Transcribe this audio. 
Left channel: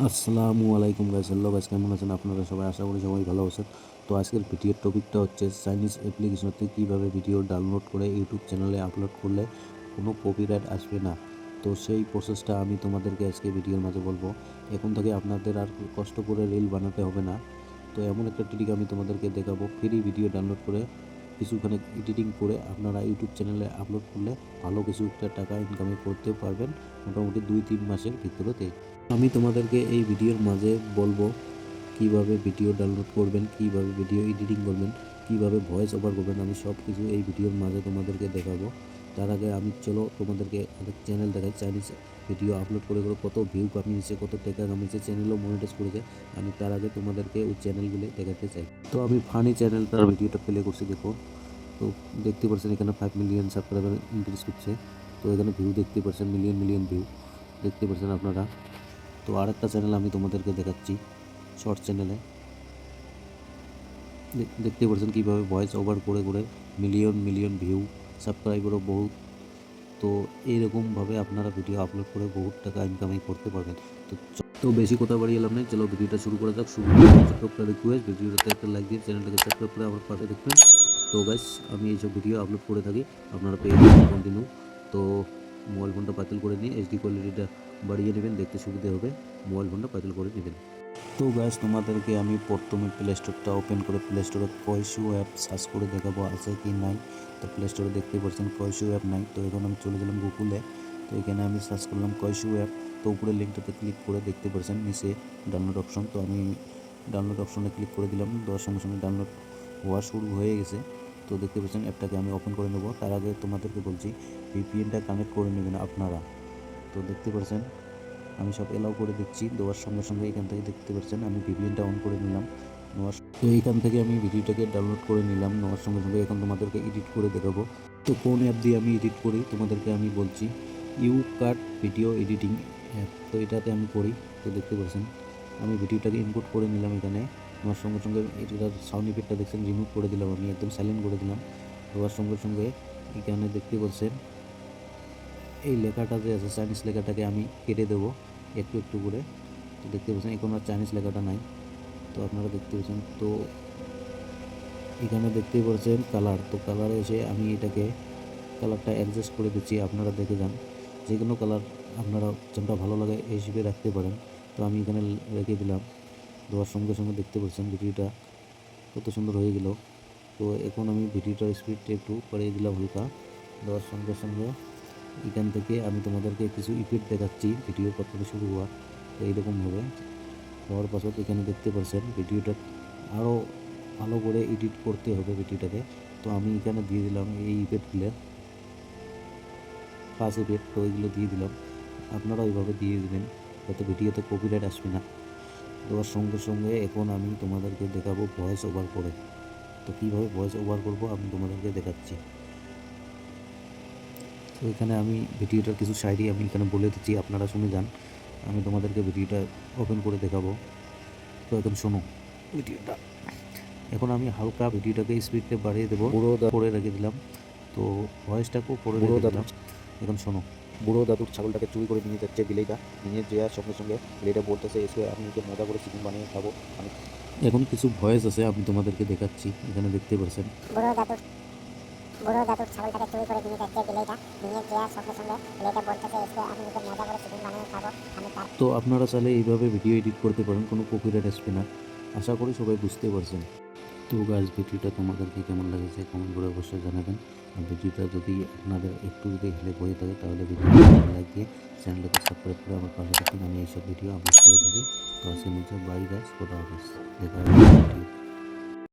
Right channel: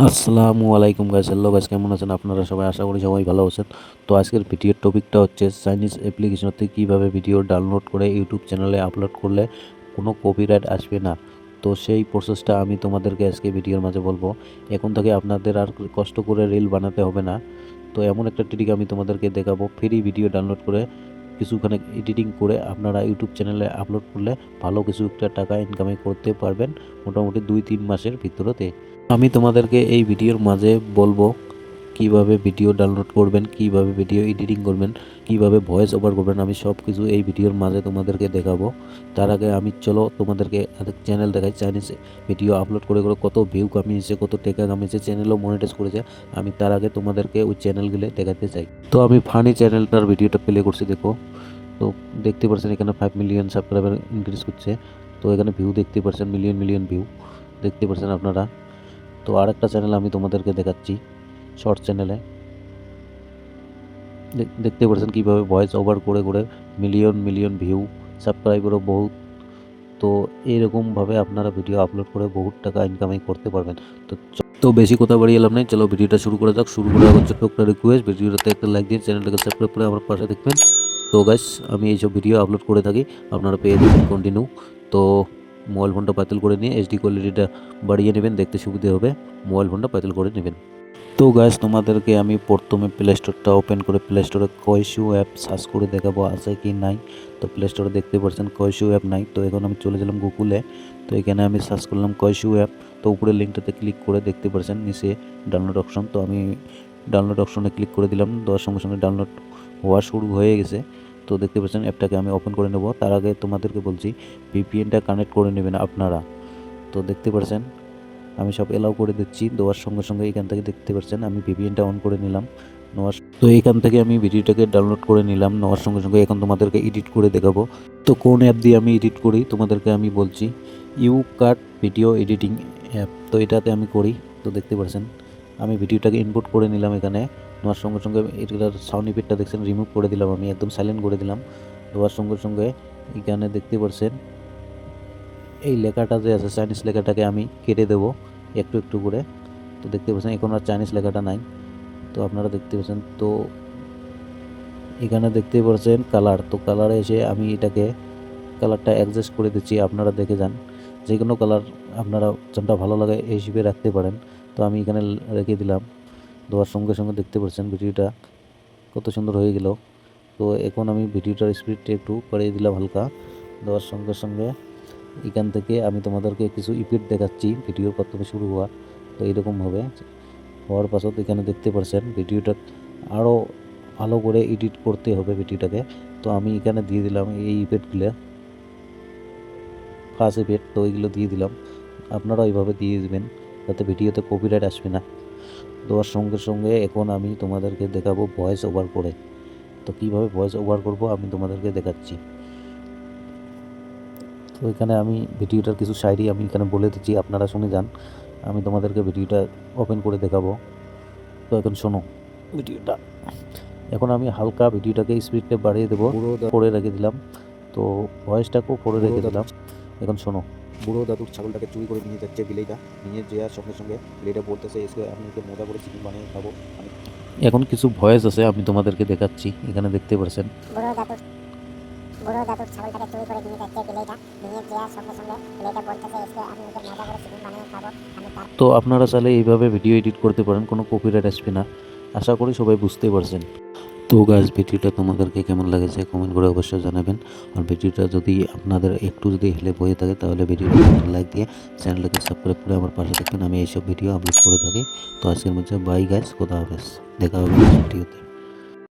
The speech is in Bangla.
আসসালামু আলাইকুম গাইস, হ্যালো গাইস, কেমন আছেন আপনারা সবাই? আশা করি সবাই ভালো আছেন। তো আজকের ভিডিওর টপিকটা হচ্ছে চাইনিজ অ্যাপ্লিকেশন থেকে কীভাবে ভিডিও ডাউনলোড করে ইউটিউব চ্যানেলে আপলোড করলে কোনো কপিরাইট আসবে না। তো সেই প্রসেসটা আমি তোমাদেরকে আজকে ভিডিওর মাঝে বলবো। এখন থেকে আপনাদের আর কষ্ট করে রিল বানাতে হবে না। তো এমন একটা ট্রিক আমি তোমাদেরকে দেখাবো, ফ্রি ভিডিও ডাউনলোড করে কিছুখানে এডিটিং করে আপনারা ইউটিউব চ্যানেলে আপলোড করলে ভালো কিছু একটা টাকা ইনকামে করতে পারবেন মোটামুটি 2-3 মাসের ভিতরতে। আমি তোমাদেরকে এই ভিডিওর মাঝে বলবো কিভাবে ভিডিও ডাউনলোড করবেন, কিভাবে ভিডিও এডিটিং করবেন, কিভাবে ভয়েস ওভার করবেন। আমি সব কিছু এই ভিডিওর মাঝে তোমাদেরকে দেখাবো। তার আগে আমি চলো তোমাদেরকে আরেক চ্যানেল দেখাই। চাইনিজ ভিডিও আপলোড করে করে কত ভিউ কামিয়েছে, কত টাকা কামিয়েছে, চ্যানেলও মনিটাইজ করেছে। আমি তার আগে তোমাদেরকে ওই চ্যানেলগুলো দেখাতে চাই। তো আমি ফানি চ্যানেলটার ভিডিওটা প্লে করছি, দেখো। তো দেখতে পাচ্ছেন এখানে 5 মিলিয়ন সাবস্ক্রাইবার ইনক্রিজ করছে। তো এখানে ভিউ দেখতে পাচ্ছেন, মিলিয়ন মিলিয়ন ভিউ দেখতে পাচ্ছেন আপনারা। তো আরেকটা চ্যানেল আমি তোমাদেরকে দেখাচ্ছি, শর্ট চ্যানেলে দেখতে পাচ্ছেন কীভাবে ভয়েস ওভার করে করে মিলিয়ন মিলিয়ন ভিউ, সাবস্ক্রাইবারও বহুত। তো এইরকমভাবে আপনারা ভিডিও আপলোড করে বহুত টাকা ইনকামিং করতে পারবেন। তো বেশি কথা বাড়িয়ে এলাম নাই, চলো ভিডিওটা শুরু করা যাক। শুরু করে আমার ছোট্ট একটা রিকোয়েস্ট, ভিডিওটাতে একটা লাইক দিন, চ্যানেলটাকে সাবস্ক্রাইব করে আমার পাশে দেখবেন। তো গাইস, আমি এইসব ভিডিও আপলোড করে থাকি, আপনারা পেয়ে যাবেন কন্টিনিউ। তো মোবাইল ফোনটা পাতিল করে নিয়ে এইচডি কোয়ালিটিটা বাড়িয়ে নেবেন, দেখতে সুবিধে হবে। মোবাইল ফোনটা পাতিল করে নেবেন। তো গাইস, তোমাদেরকে আমি প্রথমে প্লে স্টোরটা ওপেন করে প্লে স্টোরে কয়শু অ্যাপ সার্চ করে দেখাবো আছে কি নাই। তো প্লে স্টোরে দেখতে পাচ্ছেন কয়শু অ্যাপ নাই। তো এখন আমি চলে গেলাম গুগলে। তো এখানে আমি সার্চ করলাম কয়শু অ্যাপ। তো উপরে লিঙ্কটাতে ক্লিক করে দেখতে পাচ্ছেন নিচে ডাউনলোড অপশন। তো আমি ডাউনলোড অপশনে ক্লিক করে দিলাম, দেওয়ার সঙ্গে সঙ্গে ডাউনলোড হওয়া শুরু হয়ে গেছে। তো দেখতে পাচ্ছেন অ্যাপটাকে আমি ওপেন করে নেব। তার আগে তোমাদেরকে বলছি ভিপিএনটা কানেক্ট করে নেবেন আপনারা। তো দেখতে পাচ্ছেন আমি সব এলাও করে দিচ্ছি, দেওয়ার সঙ্গে সঙ্গে এখান থেকে দেখতে পাচ্ছেন আমি ভিপিএনটা অন করে নিলাম। তো এখান থেকে আমি ভিডিওটাকে ডাউনলোড করে নিলাম। নেওয়ার সঙ্গে সঙ্গে এখন তোমাদেরকে এডিট করে দেখাবো। তো কোন অ্যাপ দিয়ে আমি এডিট করি তোমাদেরকে আমি বলছি, ইউকাট ভিডিও এডিটিং অ্যাপ। তো এটাতে আমি করি। তো দেখতে পাচ্ছেন আমি ভিডিওটাকে ইনপুট করে নিলাম এখানে। নেওয়ার সঙ্গে সঙ্গে এটার সাউন্ড ইফেক্টটা দেখছেন রিমুভ করে দিলাম, আমি একদম সাইলেন্ট করে দিলাম। দেওয়ার সঙ্গে সঙ্গে এখানে দেখতে পাচ্ছেন এই লেখাটা যে আছে চাইনিজ লেখাটাকে আমি কেটে দেবো একটু একটু করে। তো দেখতে পাচ্ছেন এখন আর চাইনিজ লেখাটা নাই। তো আপনারা দেখতে পাচ্ছেন, তো এখানে দেখতে পাচ্ছেন কালার। তো কালারে এসে আমি এটাকে কালারটা অ্যাডজাস্ট করে দিচ্ছি, আপনারা দেখে যান। যে কোনো কালার আপনারা যেটা ভালো লাগে এই হিসেবে রাখতে পারেন। তো আমি এখানে রেখে দিলাম। দেওয়ার সঙ্গে সঙ্গে দেখতে পাচ্ছেন ভিডিওটা কত সুন্দর হয়ে গেল। তো এখন আমি ভিডিওটার স্পিডটা একটু বাড়িয়ে দিলাম হালকা। দেওয়ার সঙ্গে সঙ্গে এখান থেকে আমি তোমাদেরকে কিছু ইফেক্ট দেখাচ্ছি ভিডিও প্রথমে শুরু হওয়া। তো এইরকমভাবে হওয়ার পাছত এখানে দেখতে পাচ্ছেন ভিডিওটা আরও ভালো করে এডিট করতে হবে ভিডিওটাকে। তো আমি এখানে দিয়ে দিলাম এই ইফেক্টগুলো, ফার্স্ট ইফেক্ট। তো এইগুলো দিয়ে দিলাম, আপনারা এইভাবে দিয়ে দিবেন যাতে ভিডিওতে কপিরাইট আসবে না। দেওয়ার সঙ্গে সঙ্গে এখন আমি তোমাদেরকে দেখাবো ভয়েস ওভার করে। তো কীভাবে ভয়েস ওভার করবো আমি তোমাদেরকে দেখাচ্ছি। তো এখানে আমি ভিডিওটার কিছু শায়রি আমি এখানে বলে দিচ্ছি, আপনারা শুনে যান। আমি তোমাদেরকে ভিডিওটা ওপেন করে দেখাবো। তো এখন শোনো ভিডিওটা। এখন আমি হালকা ভিডিওটাকে স্পিডটা বাড়িয়ে দেবো, পুরো করে রেখে দিলাম। তো ভয়েসটাকেও করে রেখে দিলাম। এখন শোনো, বুড়ো দাদুর ছাগলটাকে চুরি করে নিয়ে যাচ্ছে বিলেইটা। নিয়ে যাওয়ার সঙ্গে সঙ্গে বিলেইটা বলতেছে এসে আমি ওকে মজা করে চিকেন বানিয়ে খাবো। আমি এখন কিছু ভয়েস আছে আমি তোমাদেরকে দেখাচ্ছি, এখানে দেখতে পাচ্ছেন। বুড়ো দাদুর ছাগলটাকে চুরি করে নিয়ে যাচ্ছে বিলেইটা। নিয়ে যাওয়ার সঙ্গে সঙ্গে বিলেইটা বলতেছে এসে আমি ওকে মজা করে চিকেন বানিয়ে খাবো। তো আপনারা চাইলে এইভাবে ভিডিও এডিট করতে পারেন, কোনো কপিরাইট আসবে না। আশা করি সবাই বুঝতে পারছেন। তো গাইস, ভিডিওটা তোমাদেরকে কেমন লাগেছে কমেন্ট করে অবশ্যই জানাবেন। আর ভিডিওটা যদি আপনাদের একটু যদি হেল্প হয়ে থাকে তাহলে ভিডিওটা লাইক দিয়ে চ্যানেলটাকে সাবস্ক্রাইব করে আমার পাশে থাকবেন। আমি এইসব ভিডিও আপলোড করে থাকি। তো আজকের মধ্যে বাই গাইস, খোদা হাফেজ, দেখা হবে ভিডিওতে।